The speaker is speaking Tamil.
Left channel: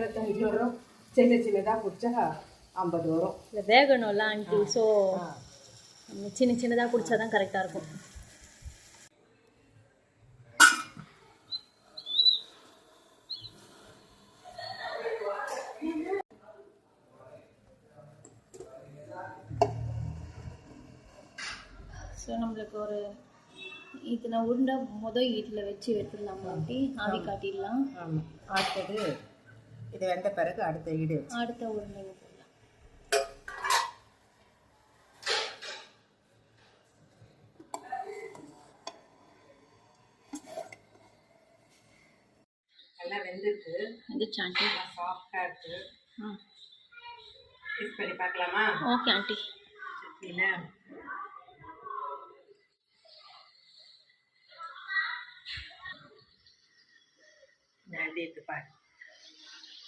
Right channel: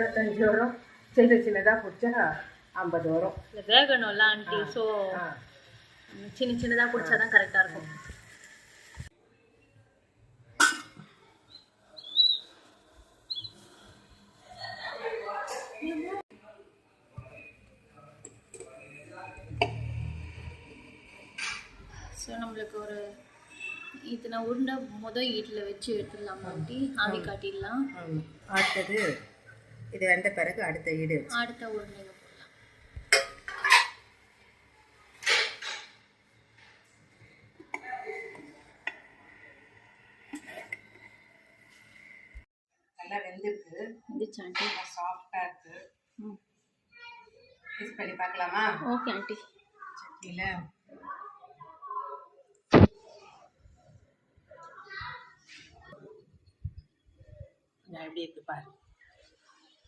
25 வரும், சின்னதாக பிடிச்சா 50 வரும். இல்லை வேகணும்ல ஆண்டி, ஸோ சின்னதாக பிடிச்சா தான் கரெக்டாக இருக்கும். ஸோ நம்மளுக்கு ஒரு இத்தனை உருண்டை ஈட்டில் வச்சு எடுத்துடலாம் ஆண்டி, ஆவி காட்டிடலாம். ஆமாம், அடுத்தது இது வெந்த பிறகு அடுத்த உருண்டைங்க போடலாம். நல்லா வெந்துருச்சு ஆண்டி, சாஃப்டாக இருக்கு. டேஸ்ட் பண்ணி பார்க்கலாமா? Okay aunty. சட்னியில் எப்படி இருக்கு பாரு.